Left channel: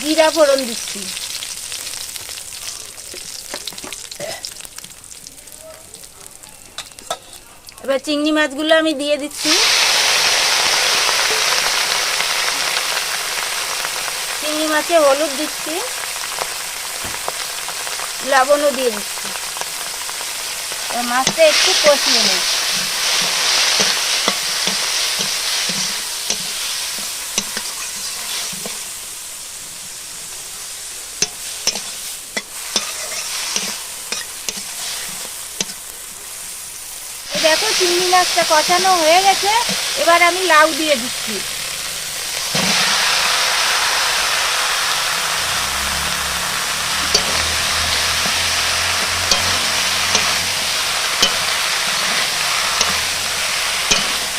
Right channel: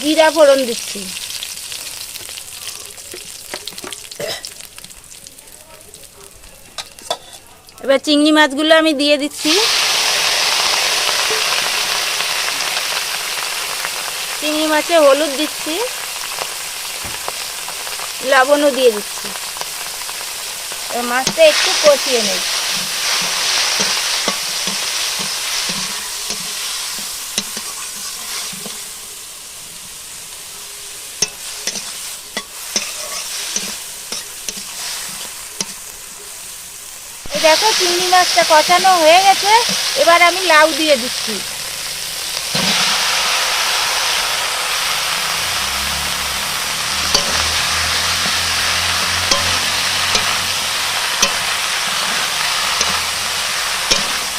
জিরা ফোড়ন দিচ্ছি। এবার চিংড়ি মাছগুলো আমি দিয়ে দিচ্ছি। চিংড়ি মাছে হলুদ দিচ্ছি, লবণও দিয়ে দিচ্ছি। মাছটা একটু কষিয়ে নেব। দেখো চিংড়ি মাছটা কষানো হয়ে গেছে, এবার আমি লাউ দিয়ে দিচ্ছি।